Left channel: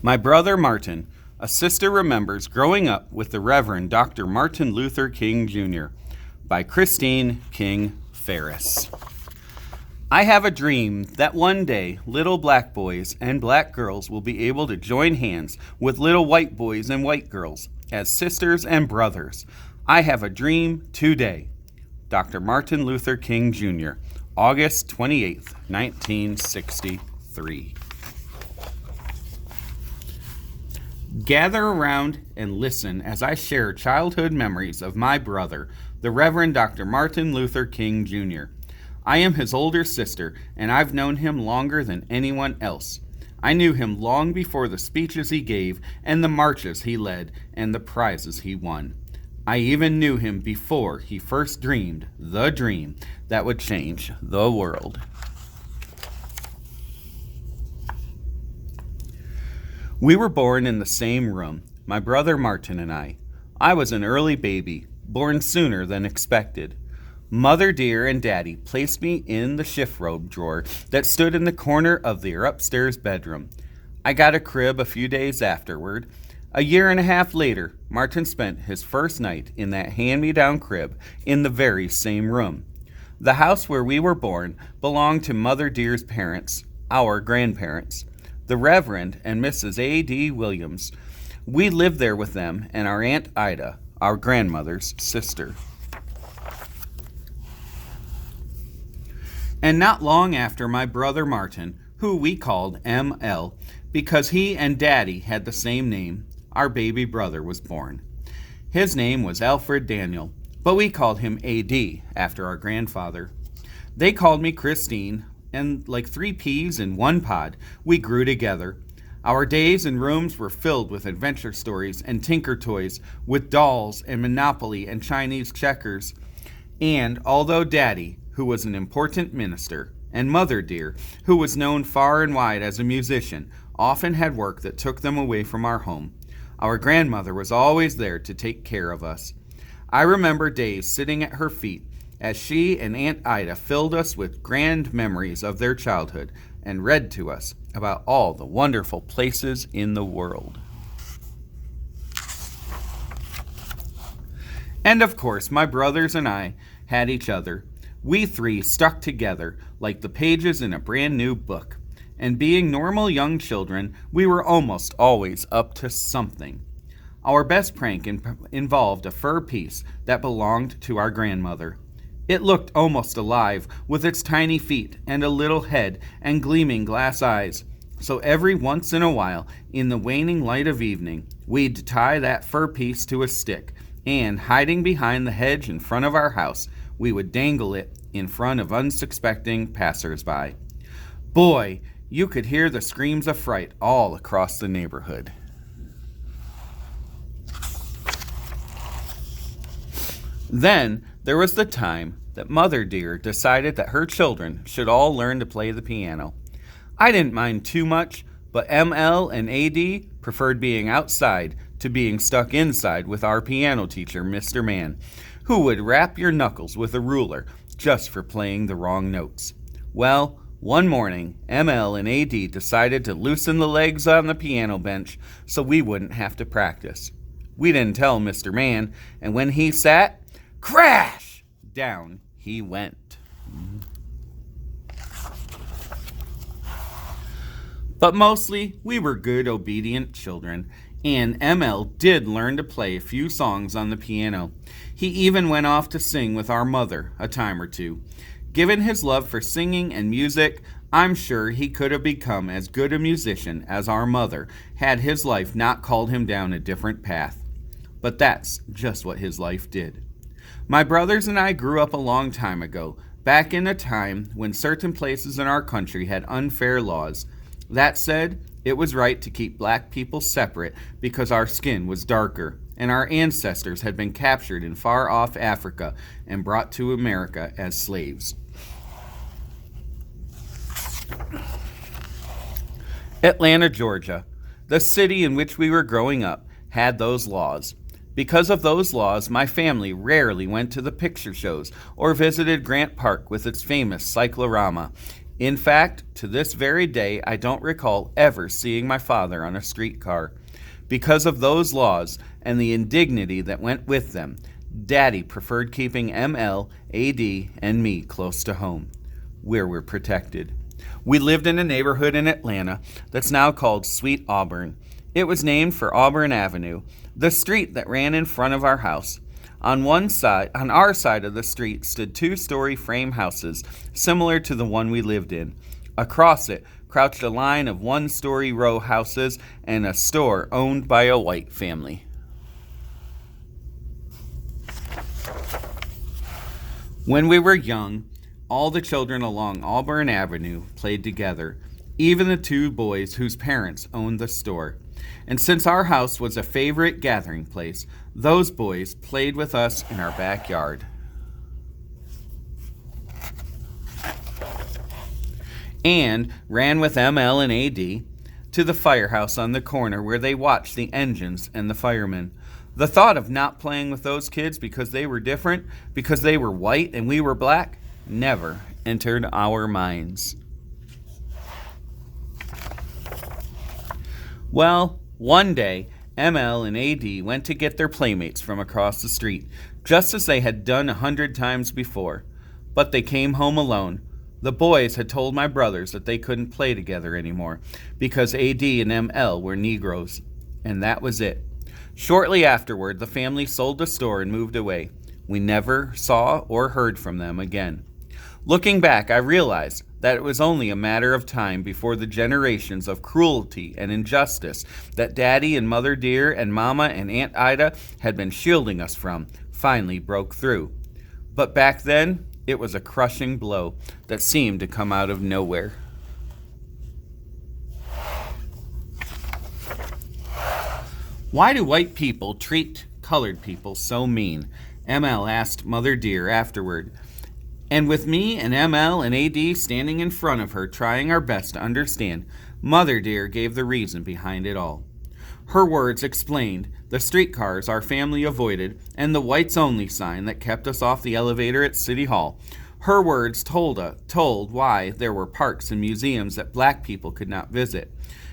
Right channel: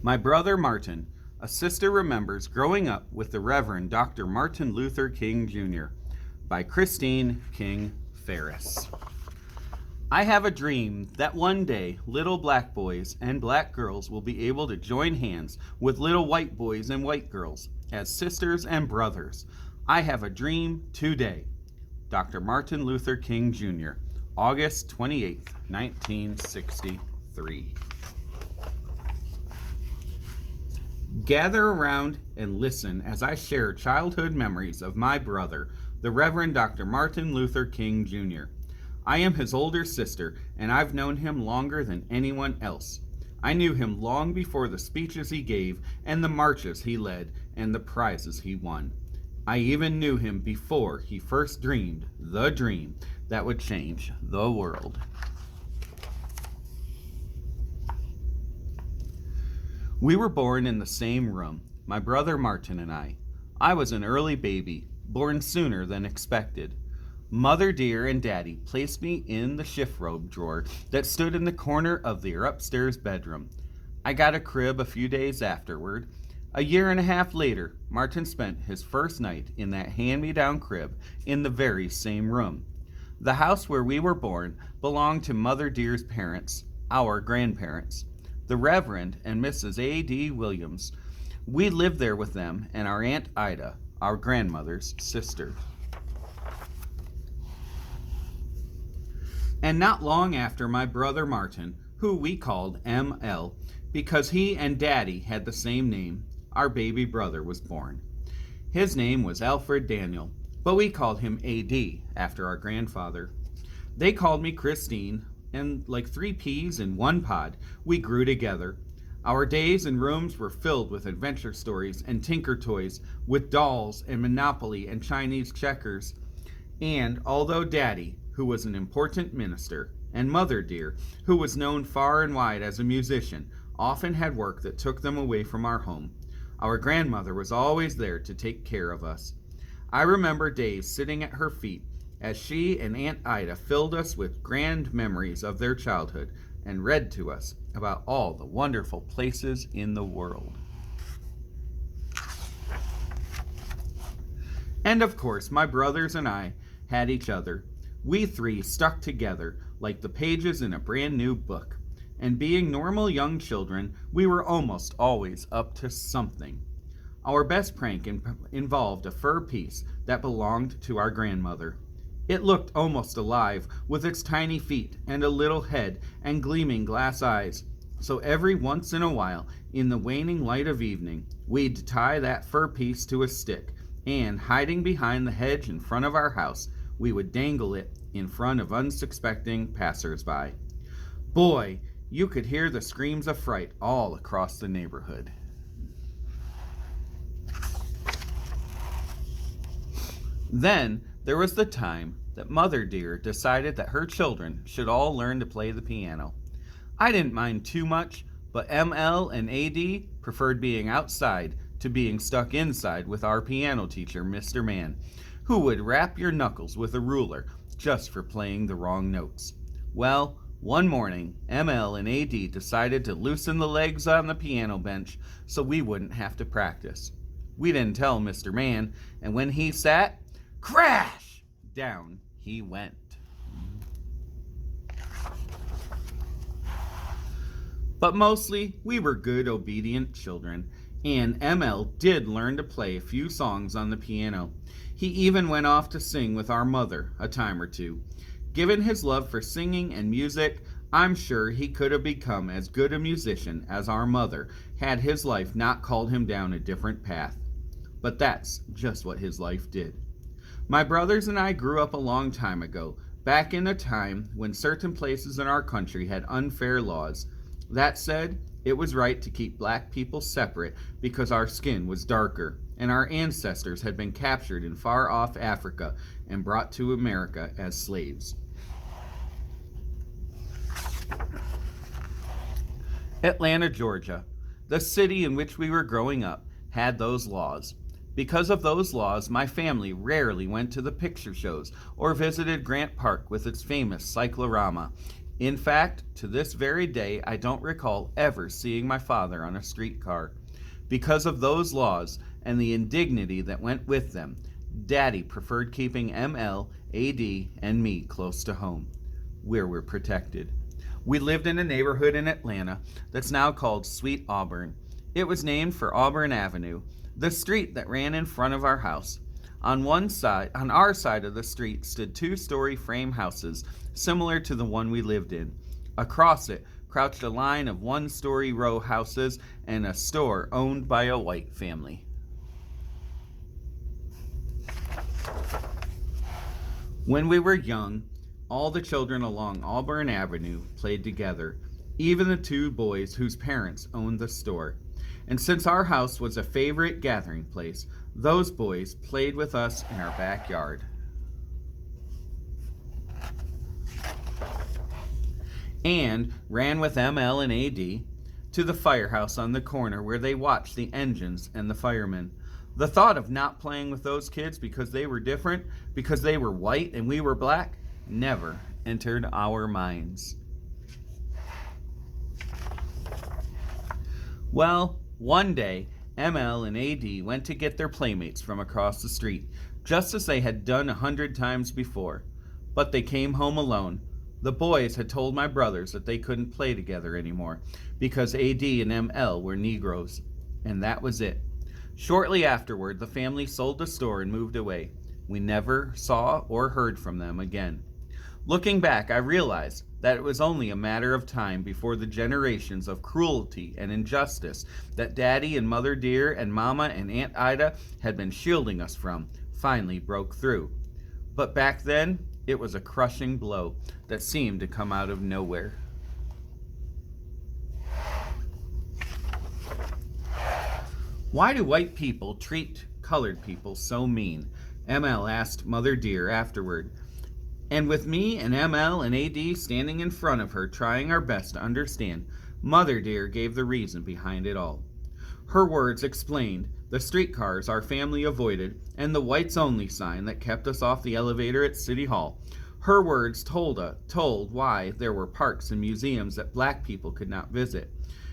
My brother Martin, a sister remembers growing up with the Reverend Dr. Martin Luther King Jr. by Christine King Ferris. I have a dream that one day little black boys and black girls will be able to join hands with little white boys and white girls as sisters and brothers. I have a dream today. Dr. Martin Luther King Jr., August 28th, 1963. Gather around and listen as I share childhood memories of my brother, the Reverend Dr. Martin Luther King Jr. I am his older sister, and I've known him longer than anyone else. I knew him long before the speeches he gave, and the marches he led, and the prizes he won. I even knew him before he first dreamed the dream that would change the world. We were born in the same room, my brother Martin and I. I was an early baby, born sooner than expected. Mother dear and Daddy placed me in the shift robe drawer that stood in the corner of their upstairs bedroom. I got a crib a few days afterward. A year and a half later, Martin spent his first night in that hand-me-down crib in the very same room. The house where we were born belonged to Mother dear's parents, our grandparents, the Reverend and Mrs. A.D. Williams. We lived there with them and our Aunt Ida, our grandmother's sister. And not long after my brother Martin, who we called M.L., because he and Daddy had the same name, our baby brother was born. His name was Alfred Daniel, but we called him A.D. after our grandfather. They called me Christine, and like 3 peas in 1 pod, we grew together. Our days and rooms were filled with adventure stories and tinker toys, with dolls and Monopoly and Chinese checkers. And although Daddy, who was an important minister, and Mother dear, who was known far and wide as a musician, often had work that took them away from our home, our grandmother was always there to take care of us. I remember days sitting at her feet as she and Aunt Ida filled us with grand memories of their childhood and read to us about all the wonderful places in the world. And of course, my brothers and I had each other. We 3 stuck together like the pages in a brand new book. And being normal young children, we were almost always up to something. Our best prank involved a fur piece that belonged to our grandmother. It looked almost alive, with its tiny feet and a little head and gleaming glass eyes. So every once in a while, in the waning light of evening, we'd tie that fur piece to a stick, and hiding behind the hedge in front of our house, we would dangle it in front of unsuspecting passers-by. Boy, you could hear the screams of fright all across the neighborhood. Then there was the time that Mother dear decided that her children should all learn to play the piano. I didn't mind too much, but ML and AD preferred being outside to being stuck inside with our piano teacher, Mr. Mann, who would rap your knuckles with a ruler just for playing the wrong notes. Well, one morning, ML and AD decided to loosen the legs on the piano bench so we wouldn't have to practice. We didn't tell Mr. Mann, and when he sat, crash! Down he went. But mostly, we were good, obedient children, and ML did learn to play a few songs on the piano. He even went off to sing with our mother a time or two. Given his love for singing and music, I'm sure he could have become as good a musician as our mother had his life not called him down a different path. But that's just what his life did. My brothers and I grew up a long time ago, back in a time when certain places in our country had unfair laws. That said, it was right to keep black people separate because our skin was darker, and our ancestors had been captured in far-off Africa and brought to America as slaves. Atlanta, Georgia, the city in which we were growing up, had those laws. Because of those laws, my family rarely went to the picture shows or visited Grant Park with its famous cyclorama. In fact, to this very day, I don't recall ever seeing my father on a streetcar. Because of those laws and the indignity that went with them, Daddy preferred keeping ML, AD, and me close to home, where we're protected. We lived in a neighborhood in Atlanta that's now called Sweet Auburn. It was named for Auburn Avenue, the street that ran in front of our house. On our side of the street stood two-story frame houses, similar to the one we lived in. Across it crouched a line of one-story row houses and a store owned by a white family. When we were young, all the children along Auburn Avenue played together, even the two boys whose parents owned the store. And since our house was a favorite gathering place, those boys played with us in our backyard. And ran with ML and AD to the firehouse on the corner where they watched the engines and the firemen. The thought of not playing with those kids because they were different, because they were white and we were black, never entered our minds. Well, one day, ML and AD went to get their playmates from across the street, just as they had done 100 times before. But they came home alone. The boys had told my brothers that they couldn't play together anymore, because AD and ML were Negroes. And that was it. Shortly afterward, the family sold the store and moved away. We never saw or heard from them again. Looking back, I realized that it was only a matter of time before the generations of cruelty and injustice that Daddy and Mother Dear and Mama and Aunt Ida had been shielding us from finally broke through. But back then, it was a crushing blow that seemed to come out of nowhere. Why do white people treat colored people so mean? ML asked Mother Dear afterward. And with me and ML and AD standing in front of her trying our best to understand, Mother Dear gave the reason behind it all. Her words explained the streetcars our family avoided and the whites only sign that kept us off the elevator at City Hall. Her words told why there were parks and museums that black people could not visit,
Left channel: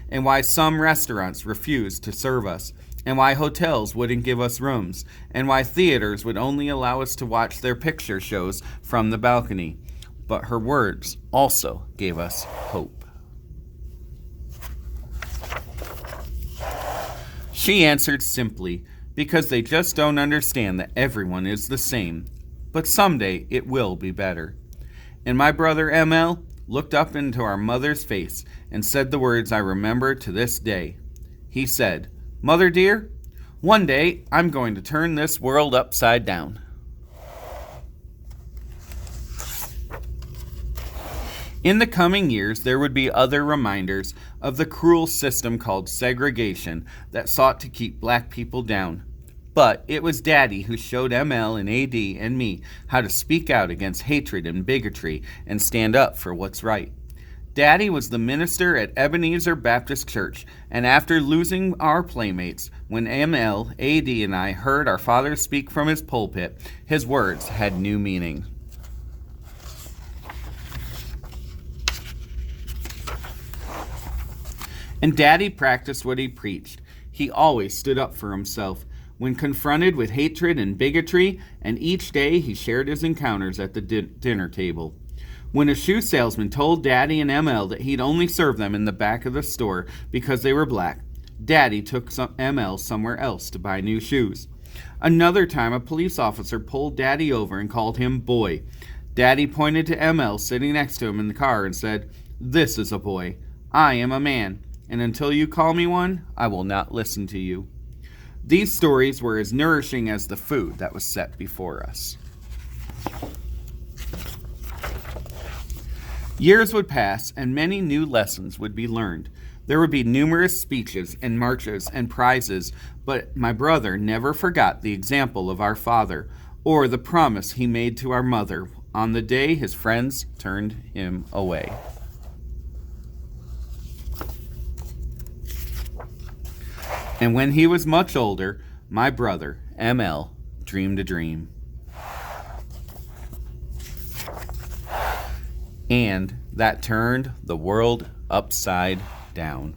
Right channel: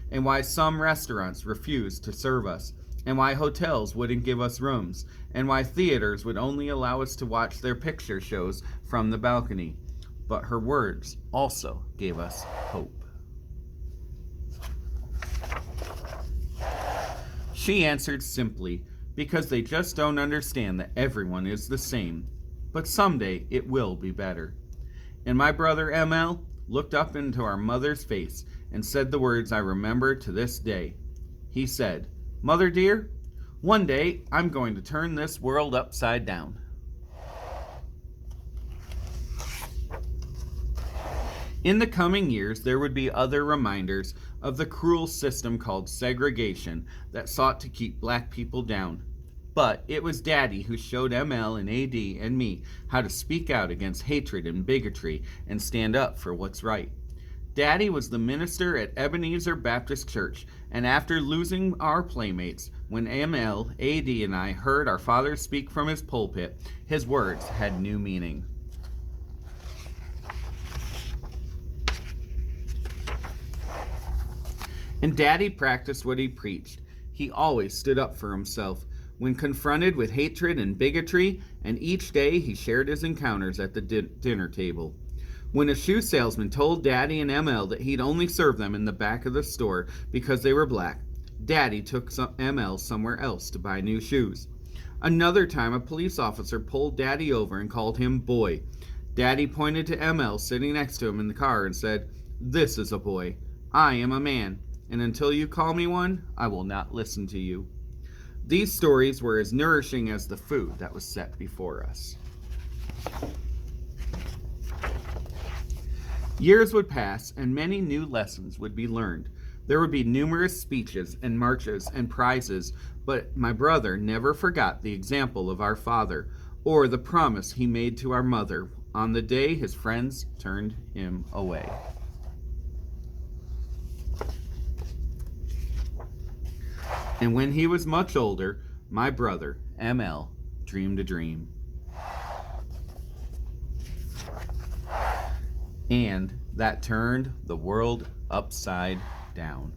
and why some restaurants refused to serve us, and why hotels wouldn't give us rooms, and why theaters would only allow us to watch their picture shows from the balcony. But her words also gave us hope. She answered simply, because they just don't understand that everyone is the same. But someday it will be better. And my brother ML looked up into our mother's face and said the words I remember to this day. He said, "Mother Dear, one day I'm going to turn this world upside down." In the coming years, there would be other reminders of the cruel system called segregation that sought to keep black people down. But it was Daddy who showed ML and AD and me how to speak out against hatred and bigotry and stand up for what's right. Daddy was the minister at Ebenezer Baptist Church, and after losing our playmates, when ML, AD, and I heard our father speak from his pulpit, his words had new meaning. And Daddy practiced what he preached. He always stood up for himself when confronted with hatred and bigotry, and each day he shared his encounters at the dinner table. When a shoe salesman told Daddy and ML that he'd only serve them in the back of the store because they were black, Daddy took ML somewhere else to buy new shoes. Another time, a police officer pulled Daddy over and called him boy. Daddy pointed to ML sitting next to him in the car and said, "This is a boy. I am a man, and until you call me one, I will not listen to you." These stories were as nourishing as the food that was set before us. Years would pass, and many new lessons would be learned. There would be numerous speeches and marches and prizes, but my brother never forgot the example of our father, or the promise he made to our mother on the day his friends turned him away. And when he was much older, my brother, ML, dreamed a dream. and that turned the world upside down.